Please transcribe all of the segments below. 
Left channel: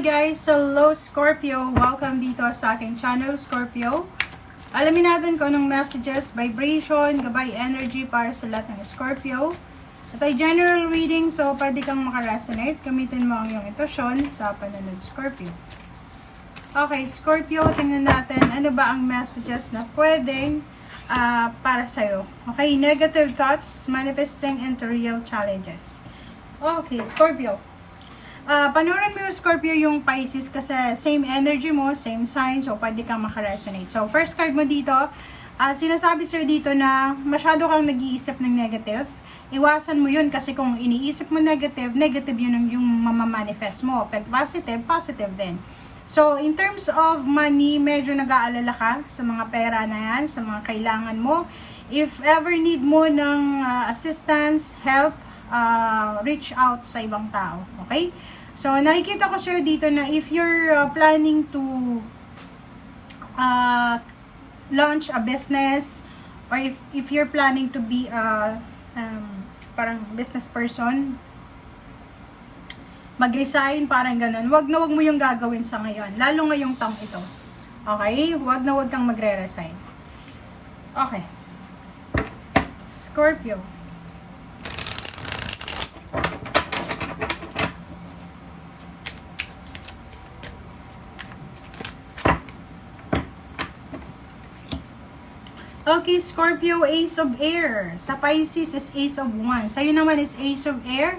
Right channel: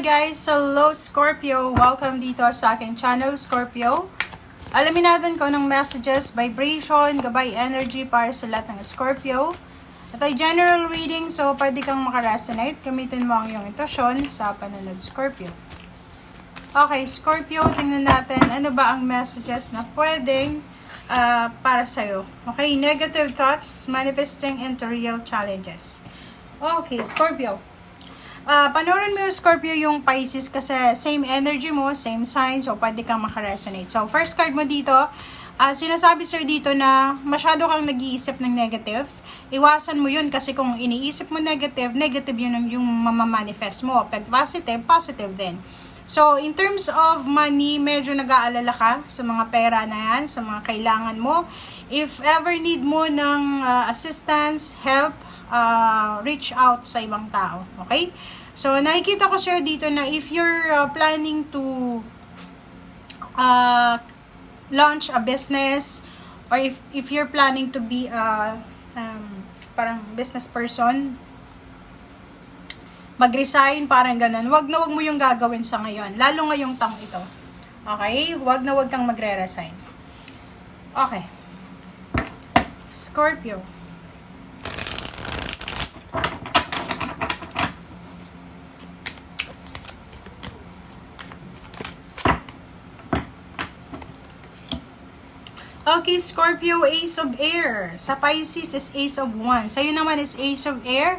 Hi guys! Hello Scorpio! Welcome dito sa aking channel, Scorpio. Alamin natin kung anong messages, vibration, gabay energy para sa lahat ng Scorpio. Ito ay general reading, so pwede kang makaresonate. Gamitin mo ang iyong intuition sa panunod, Scorpio. Okay, Scorpio, tingnan natin ano ba ang messages na pwedeng para sa'yo. Okay, negative thoughts manifesting into real challenges. Okay, Scorpio. Panoorin mo yung Scorpio yung Pisces kasi same energy mo, same sign, so pwede kang makaresonate. So, first card mo dito, sinasabi sa'yo dito na masyado kang nag-iisip ng negative. Iwasan mo yun kasi kung iniisip mo negative, negative yun yung mamamanifest mo. Pag positive, positive din. So, in terms of money, medyo nag-aalala ka sa mga pera na yan, sa mga kailangan mo. If ever need mo ng assistance, help, reach out sa ibang tao. Okay? So, nakikita ko sir dito na if you're planning to launch a business or if you're planning to be parang business person, mag-resign, parang ganun. Wag na wag mo yung gagawin sa ngayon. Lalo ngayong taong ito. Okay? Wag na wag kang magre-resign. Okay. Scorpio. Okay, Scorpio, Ace of Air. Sa Pisces is Ace of Wands. Sa'yo naman is Ace of Air.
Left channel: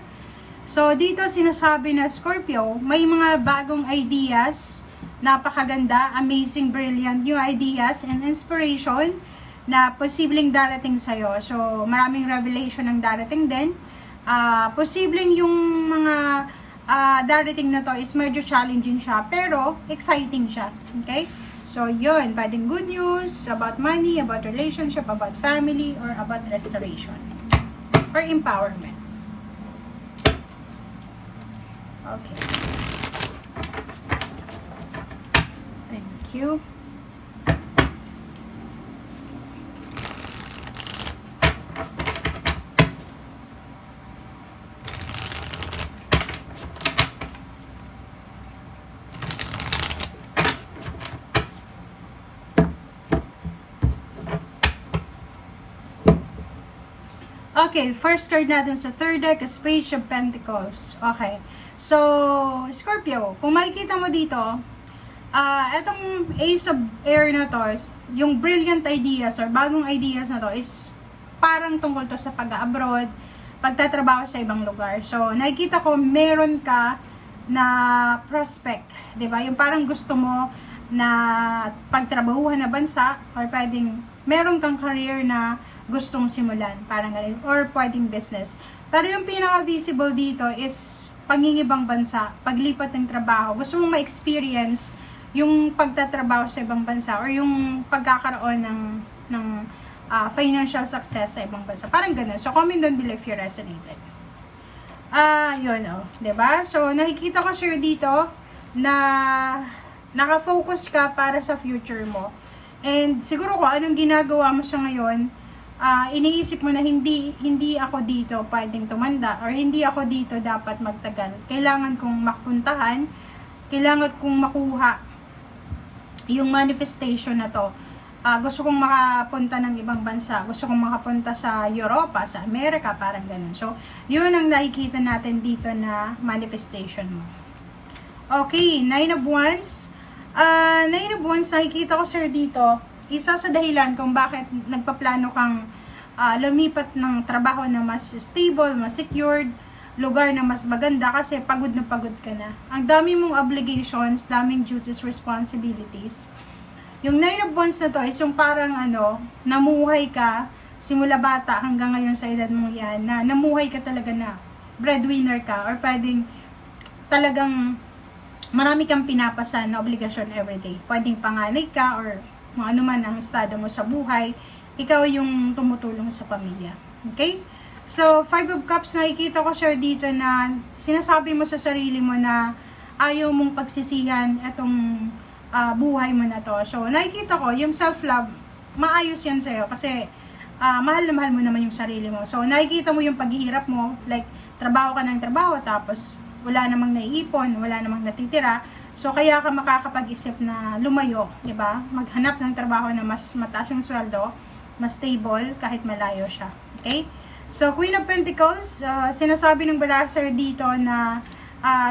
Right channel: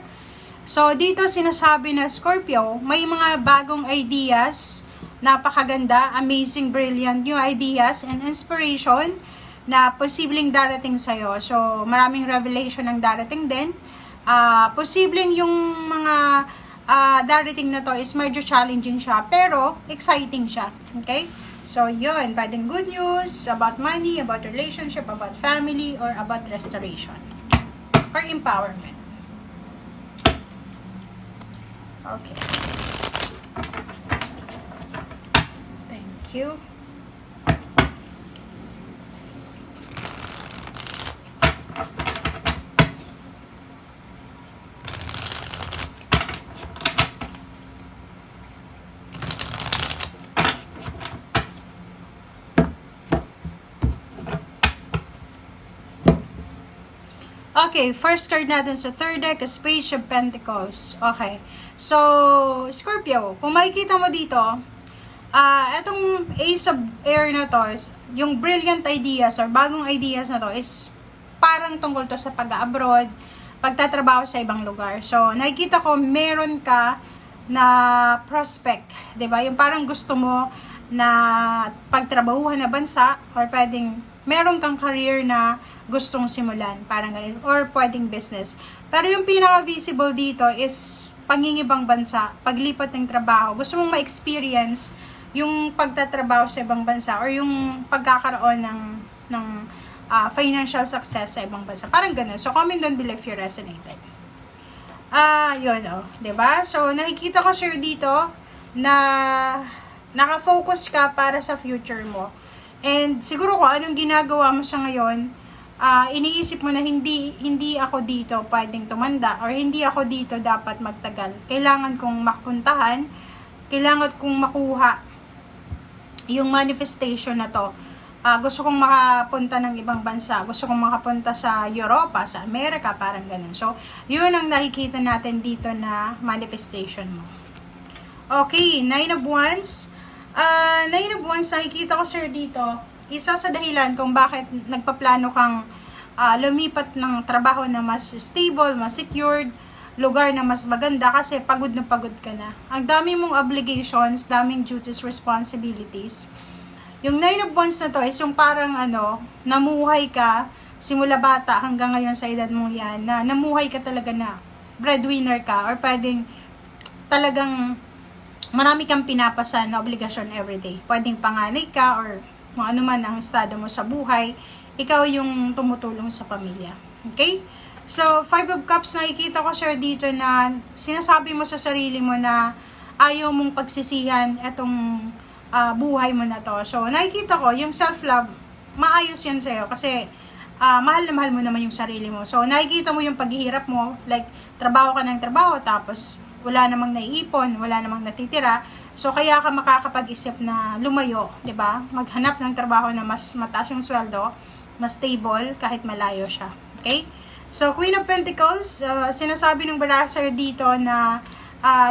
So, dito sinasabi na Scorpio, may mga bagong ideas, napakaganda, amazing, brilliant new ideas and inspiration na posibleng darating sa'yo. So, maraming revelation ang darating din. Posibleng yung mga darating na to is medyo challenging siya, pero exciting siya. Okay? So, yun. Pwedeng good news about money, about relationship, about family, or about restoration. Or empowerment. Okay. Thank you. Okay, first card natin sa third deck is Page of Pentacles. Okay. So, Scorpio, kung makikita mo dito, etong Ace of Air na to, yung brilliant ideas or bagong ideas na to is parang tungkol to sa pag-abroad, pagtatrabaho sa ibang lugar. So, nakikita ko meron ka na prospect, 'di ba? Yung parang gusto mo na pagtrabahuhan na bansa or pwedeng meron kang career na gustong simulan, parang or pwedeng business. Pero yung pinaka-visible dito is pangingibang bansa, paglipat ng trabaho. Gusto mong ma-experience yung pagtatrabaho sa ibang bansa or yung pagkakaroon ng financial success sa ibang bansa. Parang ganun. So, comment down below if you resonated. Yun, diba? So, nakikita ko sir dito na nakafocus ka para sa future mo. And siguro kung anong ginagawa mo sa ngayon, iniisip mo na hindi ako dito pwedeng tumanda or hindi ako dito dapat magtagal. Kailangan kong mapuntahan, kailangan kong makuha yung manifestation na to. Gusto kong makapunta ng ibang bansa, gusto kong makapunta sa Europa, sa Amerika, parang ganun. So, yun ang nakikita natin dito na manifestation mo. Okay, Nine of Wands. Nine of Wands, nakikita ko sir dito, isa sa dahilan kung bakit nagpaplano kang lumipat ng trabaho na mas stable, mas secured, lugar na mas maganda kasi pagod na pagod ka na. Ang dami mong obligations, daming duties, responsibilities. Yung Nine of Wands na to is yung parang namuhay ka simula bata hanggang ngayon sa edad mong yan, na namuhay ka talaga na breadwinner ka or pwedeng talagang marami kang pinapasa na obligasyon everyday. Pwedeng panganay ka or kung ano man ang estado mo sa buhay, ikaw yung tumutulong sa pamilya. Okay? So, Five of Cups, nakikita ko sir dito na sinasabi mo sa sarili mo na ayaw mong pagsisihan itong buhay mo na to. So, nakikita ko, yung self-love, maayos yan sa'yo kasi mahal na mahal mo naman yung sarili mo. So, nakikita mo yung paghihirap mo, like, trabaho ka ng trabaho, tapos wala namang naiipon, wala namang natitira. So, kaya ka makakapag-isip na lumayo, di ba? Maghanap ng trabaho na mas mataas yung sweldo, mas stable, kahit malayo siya. Okay? So, Queen of Pentacles, sinasabi ng Barasser dito na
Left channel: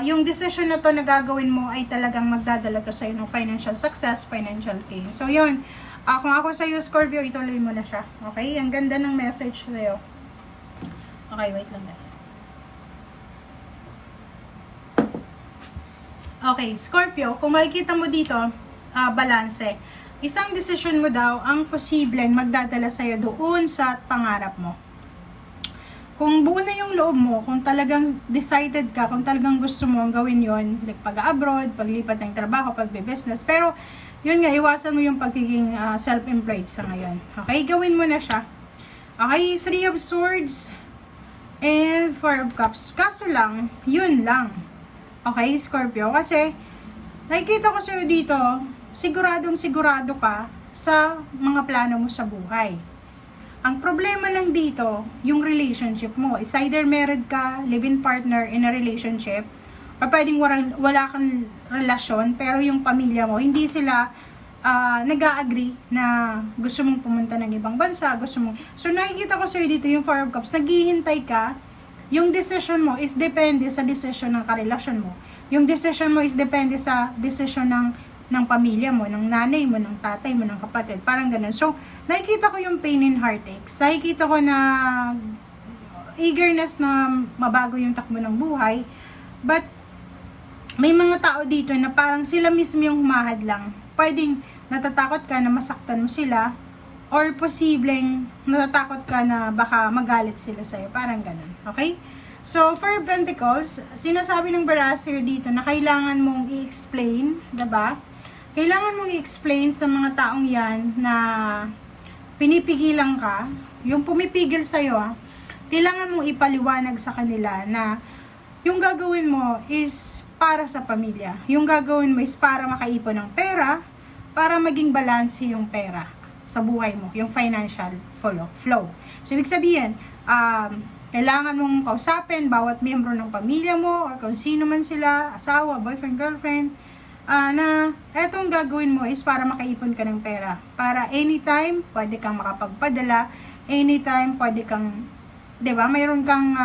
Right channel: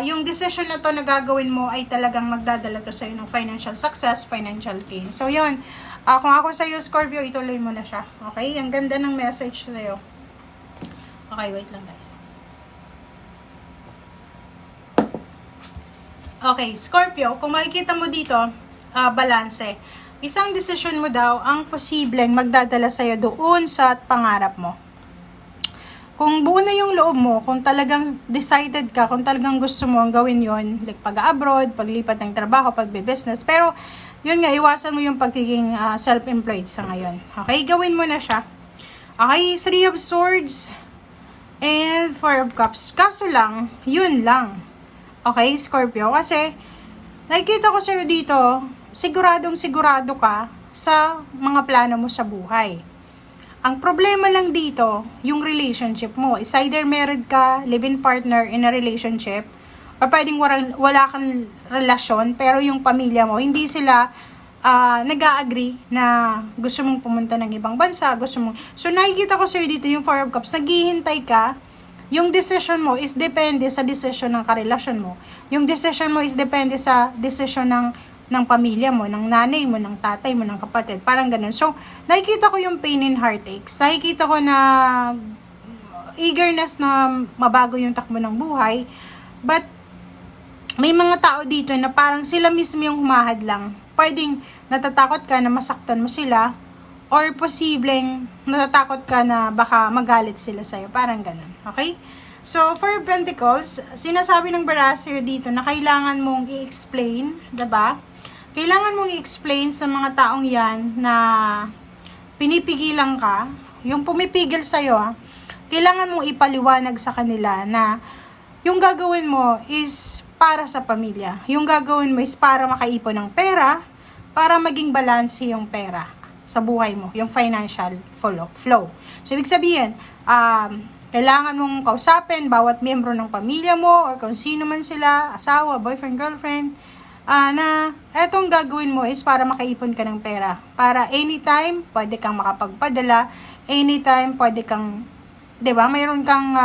yung decision na to na gagawin mo ay talagang magdadala to sa'yo ng financial success, financial gain. So, yun. Kung ako sa'yo, Scorpio, ituloy mo na siya. Okay? Ang ganda ng message sa'yo. Okay, wait lang guys. Okay, Scorpio, kung makikita mo dito, balanse. Isang desisyon mo daw ang posibleng magdadala sa'yo doon sa pangarap mo. Kung buo na yung loob mo, kung talagang decided ka, kung talagang gusto mo ang gawin yun, like pag-abroad, paglipat ng trabaho, pagbe-business, pero yun nga, iwasan mo yung pagiging self-employed sa ngayon. Okay, gawin mo na siya. Okay, 3 of Swords, and 4 of Cups. Kaso lang, yun lang. Okay, Scorpio? Kasi, nakikita ko sa'yo dito, siguradong sigurado ka sa mga plano mo sa buhay. Ang problema lang dito, yung relationship mo. Is either married ka, live-in partner in a relationship, o pwedeng wala kang relasyon, pero yung pamilya mo, hindi sila nag-a-agree na gusto mong pumunta ng ibang bansa, gusto mong... So, nakikita ko sa'yo dito yung 4 of Cups, naghihintay ka, yung decision mo is depende sa decision ng karelasyon mo. Yung decision mo is depende sa decision ng pamilya mo, ng nanay mo, ng tatay mo, ng kapatid. Parang ganun. So, nakikita ko yung pain and heartaches. Nakikita ko na eagerness na mabago yung takbo ng buhay. But, may mga tao dito na parang sila mismo yung humahad lang. Pwedeng natatakot ka na masaktan mo sila, or posibleng natatakot ka na baka magalit sila sa'yo. Parang ganun. Okay? So, for Pentacles, sinasabi ng Barasser dito na kailangan mong i-explain, diba? Kailangan mong i-explain sa mga taong yan na pinipigilan ka, yung pumipigil sa'yo, kailangan mong ipaliwanag sa kanila na yung gagawin mo is para sa pamilya. Yung gagawin mo is para makaipon ng pera, para maging balance yung pera sa buhay mo, yung financial flow. So, ibig sabihin, kailangan mong kausapin bawat miyembro ng pamilya mo, or kung sino man sila, asawa, boyfriend, girlfriend, na etong gagawin mo is para makaipon ka ng pera. Para anytime, pwede kang makapagpadala, anytime, pwede kang, diba, mayroon kang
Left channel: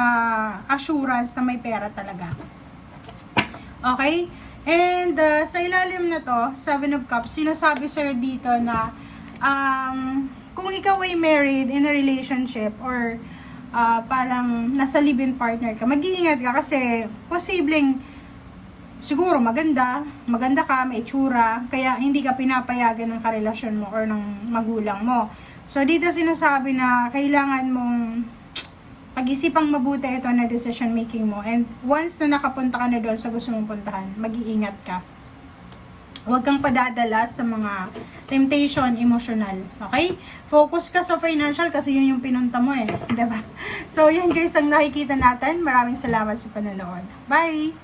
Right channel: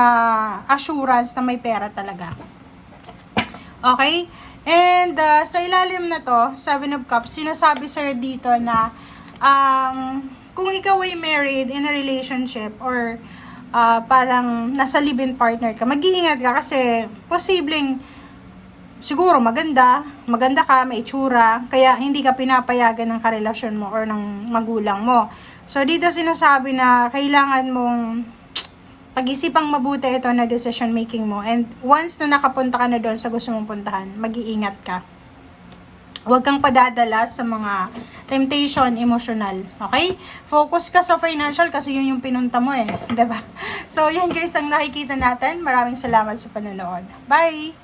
assurance na may pera talaga. Okay? And sa ilalim na to, 7 of Cups, sinasabi sir dito na kung ikaw ay married in a relationship or parang nasa live-in partner ka, mag-iingat ka kasi posibleng siguro maganda ka, may itsura, kaya hindi ka pinapayagan ng karelasyon mo or ng magulang mo. So dito sinasabi na kailangan mong pag-isipang mabuti ito na decision making mo, and once na nakapunta ka na doon sa gusto mong puntahan, mag-iingat ka. Huwag kang padadala sa mga temptation emotional. Okay? Focus ka sa financial kasi yun yung pinunta mo eh. Diba? So, yan guys ang nakikita natin. Maraming salamat sa panonood. Bye!